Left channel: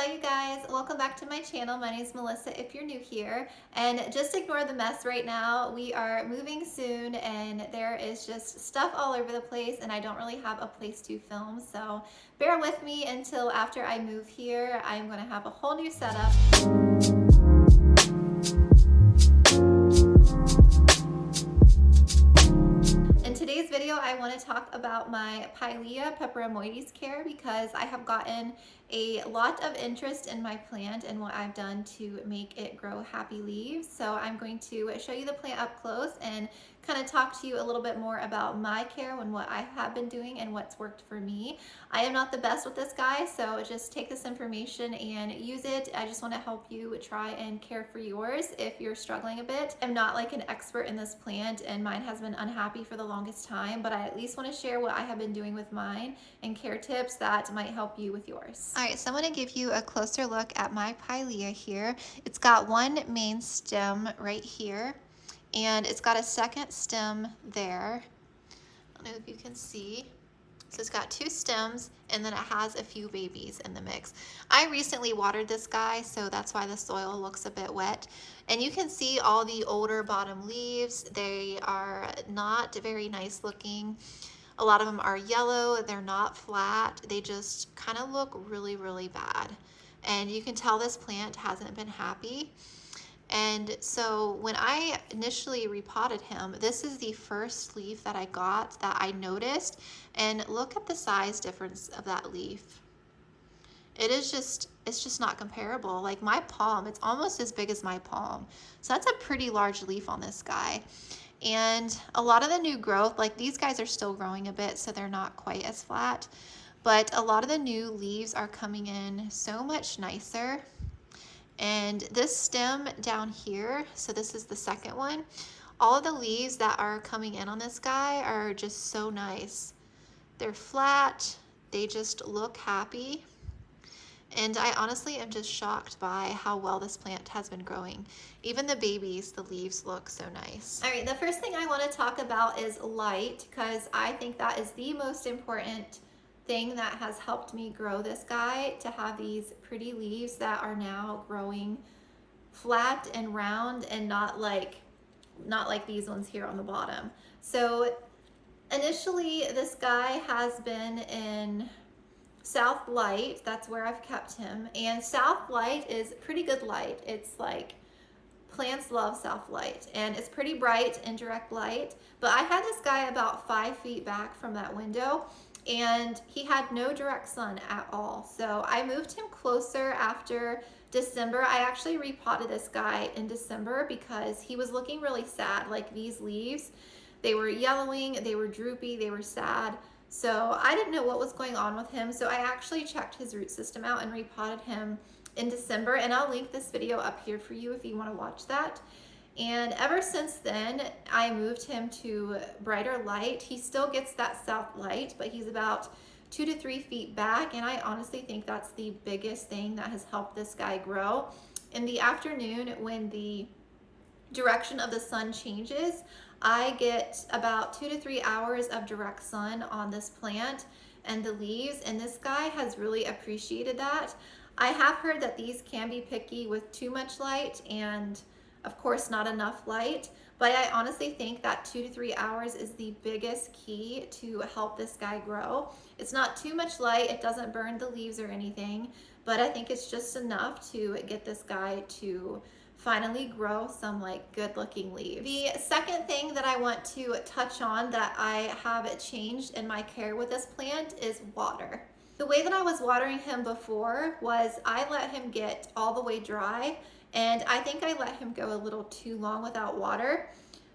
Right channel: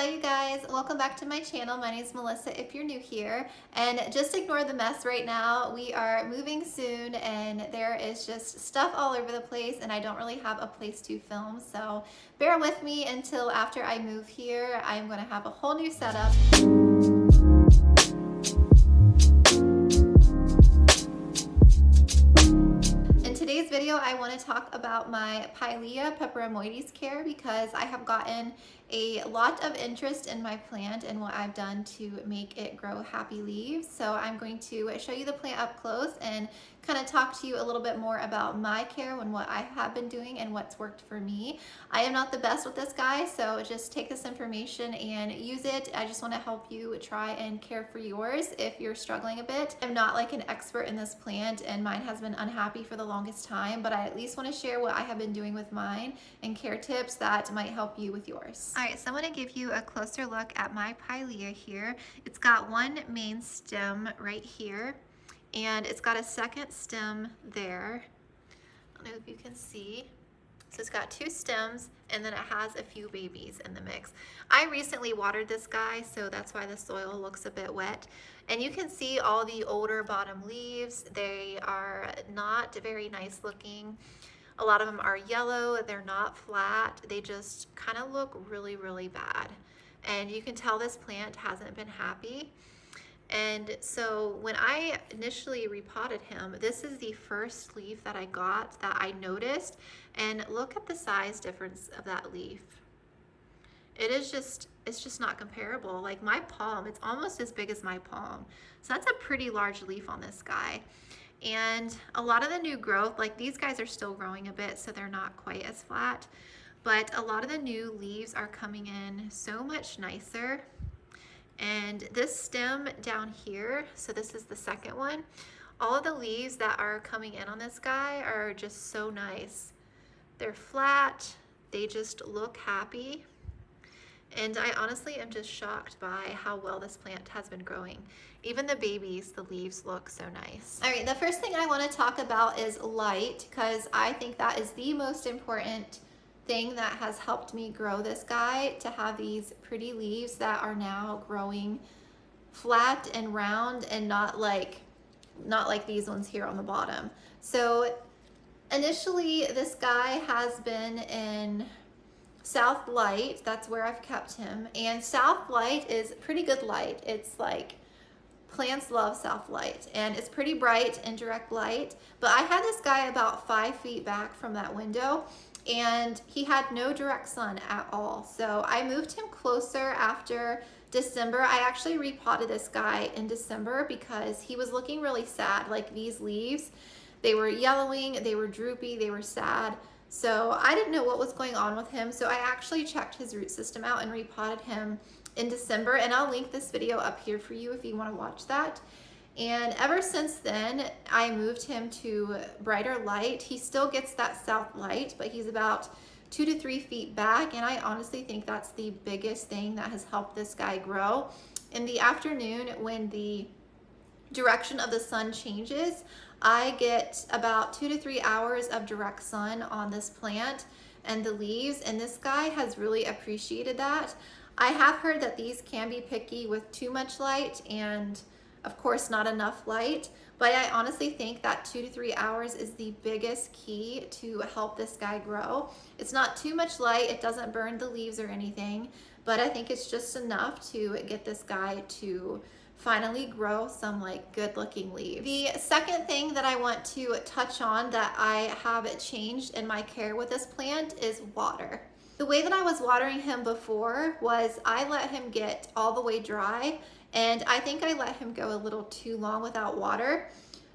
Hello you guys, welcome back to my channel. My name is Melissa if you're new here, and just ignore the mess right now. We are moving soon and there is just stuff all over the place and I don't really have a place to film, so bear with me until after I move here. I'm going to have a whole new setup. In today's video, I want to talk about my Pilea Peperomioides care because I have gotten a lot of interest in my plant and what I've done to make it grow happy leaves. So I'm going to show you the plant up close and kind of talk to you a little bit more about my care and what I have been doing and what's worked for me. I am not the best with this guy, so just take this information and use it. I just want to help you try and care for yours if you're struggling a bit. I'm not like an expert in this plant and mine has been unhappy for the longest time, but I at least want to share what I have been doing with mine and care tips that might help you with yours. All right, so I'm going to give you a closer look at my Pilea here. It's got one main stem right here, and it's got a second stem there. I don't know if you can see. So it's got two stems and then it has a few babies in the mix. I recently watered this guy, so that's why the soil looks a bit wet. And you can see all the older bottom leaves. They are not very nice looking. A lot of them are yellow, they're not flat. They just kind of look really, really bad. And you can tell this plant hasn't been happy. And so when I initially repotted him, this is the first leaf that I got that I noticed. And look at the size difference of that leaf. It's just not comparable. Like my palm, it's almost as big as my palm. So that's a pretty large leaf on this guy. And a lot of the new growth, like these guys are still growing a bit, so they're not quite as flat. But a lot of the new leaves are coming in so much nicer. And this stem down here, so this is the second one, all of the leaves that are coming in on this guy are just so nice. They're flat, they just look happy. And I honestly am just shocked by how well this plant has been growing. Even the babies, the leaves look so nice. All right, the first thing I want to talk about is light, because I think that is the most important thing that has helped me grow this guy, to have these pretty leaves that are now growing flat and round and not like these ones here on the bottom. So initially this guy has been in South Light. That's where I've kept him, and South Light is pretty good light. It's like plants love South Light, and it's pretty bright in direct light. But I had this guy about 5 feet back from that window, and he had no direct sun at all. So I moved him closer after December. I actually repotted this guy in December because he was looking really sad. Like these leaves, they were yellowing, they were droopy, they were sad. So I didn't know what was going on with him. So I actually checked his root system out and repotted him in December. And I'll link this video up here for you if you want to watch that. And ever since then, I moved him to brighter light. He still gets that south light, but he's about 2 to 3 feet back. And I honestly think that's the biggest thing that has helped this guy grow. In the afternoon, when the direction of the sun changes, I get about 2 to 3 hours of direct sun on this plant and the leaves. And this guy has really appreciated that. I have heard that these can be picky with too much light and of course not enough light, but I honestly think that 2 to 3 hours is the biggest key to help this guy grow. It's not too much light, it doesn't burn the leaves or anything, but I think it's just enough to get this guy to finally grow some like good looking leaves. The second thing that I want to touch on that I have changed in my care with this plant is water. The way that I was watering him before was I let him get all the way dry, and I think I let him go a little too long without water.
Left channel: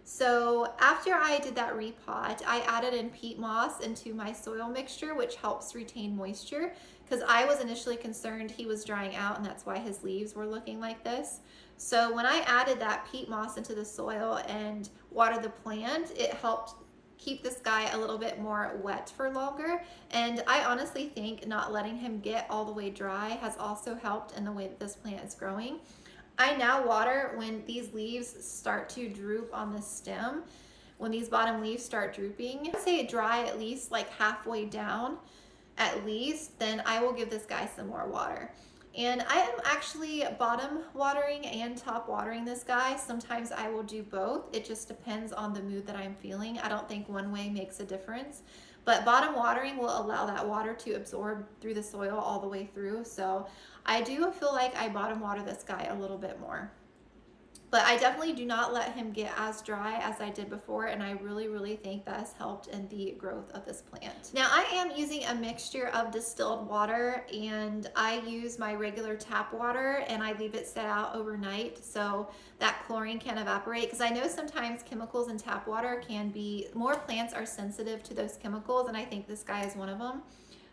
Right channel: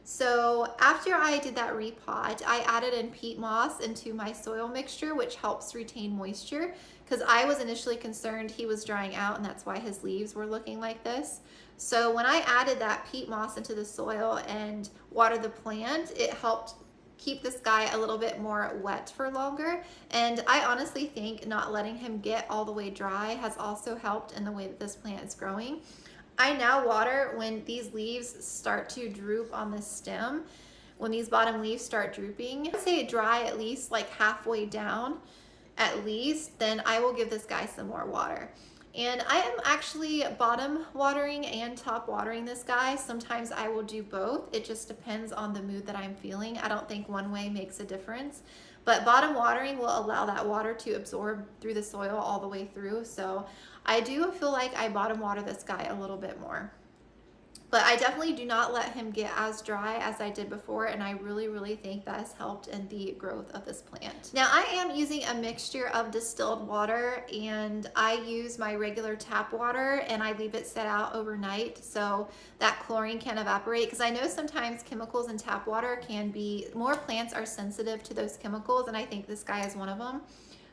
So after I did that repot, I added in peat moss into my soil mixture, which helps retain moisture, because I was initially concerned he was drying out and that's why his leaves were looking like this. So when I added that peat moss into the soil and watered the plant, it helped keep this guy a little bit more wet for longer. And I honestly think not letting him get all the way dry has also helped in the way that this plant is growing. I now water when these leaves start to droop on the stem. When these bottom leaves start drooping, I'd say dry at least like halfway down at least, then I will give this guy some more water. And I am actually bottom watering and top watering this guy. Sometimes I will do both. It just depends on the mood that I'm feeling. I don't think one way makes a difference. But bottom watering will allow that water to absorb through the soil all the way through. So I do feel like I bottom water this guy a little bit more. But I definitely do not let him get as dry as I did before, and I really think that has helped in the growth of this plant. Now I am using a mixture of distilled water, and I use my regular tap water and I leave it set out overnight so that chlorine can evaporate, because I know sometimes chemicals in tap water can be, more plants are sensitive to those chemicals, and I think this guy is one of them.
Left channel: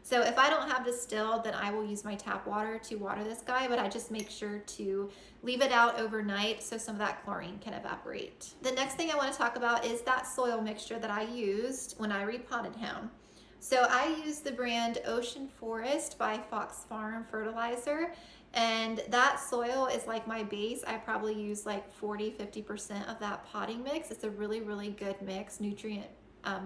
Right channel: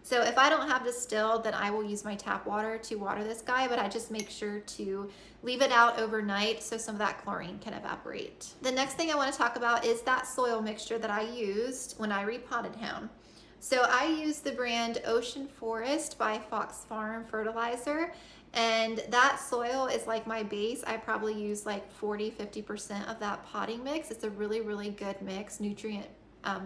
So if I don't have distilled, then I will use my tap water to water this guy, but I just make sure to leave it out overnight so some of that chlorine can evaporate. The next thing I want to talk about is that soil mixture that I used when I repotted him. So I used the brand Ocean Forest by Fox Farm Fertilizer, and that soil is like my base. I probably use like 40–50% of that potting mix. It's a really good mix, nutrient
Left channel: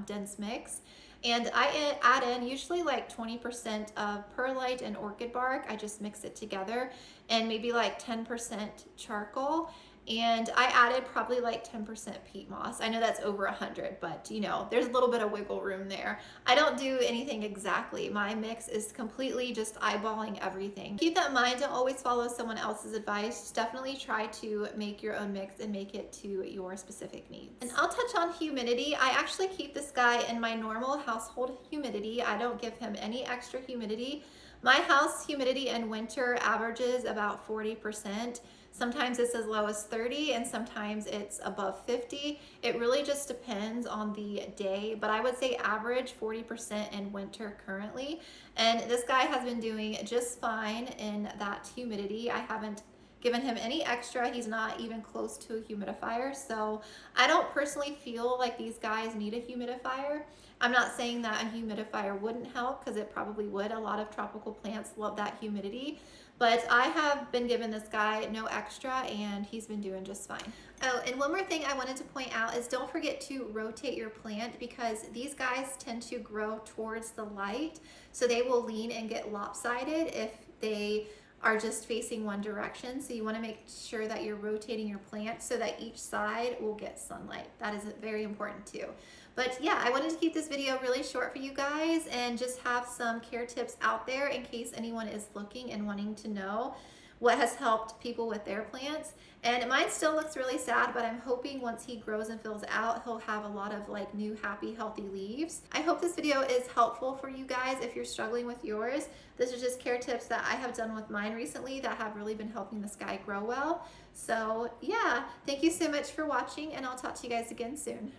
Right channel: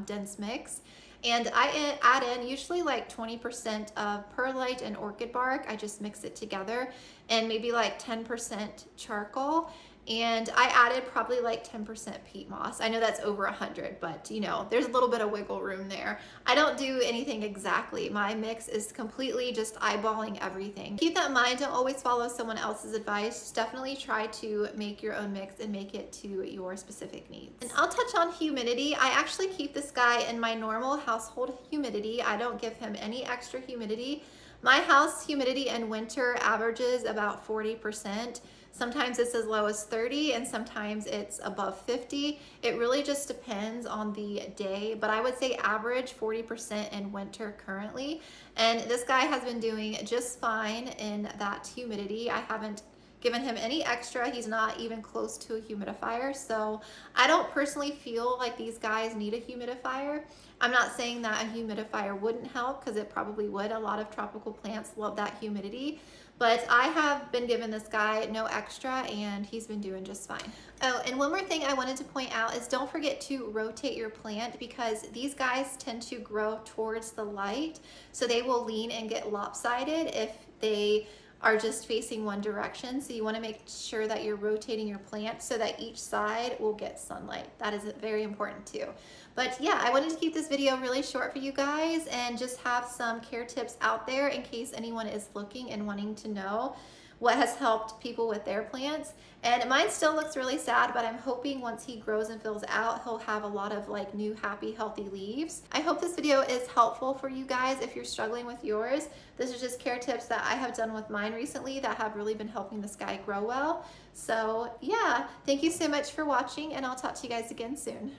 dense mix. And I add in usually like 20% of perlite and orchid bark. I just mix it together, and maybe like 10% charcoal. And I added probably like 10% peat moss. I know that's over 100, but you know, there's a little bit of wiggle room there. I don't do anything exactly. My mix is completely just eyeballing everything. Keep that in mind. Don't always follow someone else's advice. Definitely try to make your own mix and make it to your specific needs. And I'll touch on humidity. I actually keep this guy in my normal household humidity. I don't give him any extra humidity. My house humidity in winter averages about 40%. Sometimes it's as low as 30 and sometimes it's above 50. It really just depends on the day, but I would say average 40% in winter currently. And this guy has been doing just fine in that humidity. I haven't given him any extra. He's not even close to a humidifier. So I don't personally feel like these guys need a humidifier. I'm not saying that a humidifier wouldn't help, because it probably would. A lot of tropical plants love that humidity. But I have been giving this guy no extra, and he's been doing just fine. Oh, and one more thing I wanted to point out is don't forget to rotate your plant, because these guys tend to grow towards the light. So they will lean and get lopsided if they are just facing one direction. So you want to make sure that you're rotating your plant so that each side will get sunlight. That is very important too. But yeah, I wanted to keep this video really short for you guys and just have some care tips out there in case anyone is looking and wanting to know what has helped people with their plants. And mine still looks really sad, but I'm hoping once he grows and fills out, he'll have a lot of like new, happy, healthy leaves. I hope this video is helpful for you guys if you're struggling with yours. This is just care tips that I have done with mine recently that have really been helping this guy grow well. So yeah, thank you so much for watching, and I'll talk to you guys again soon.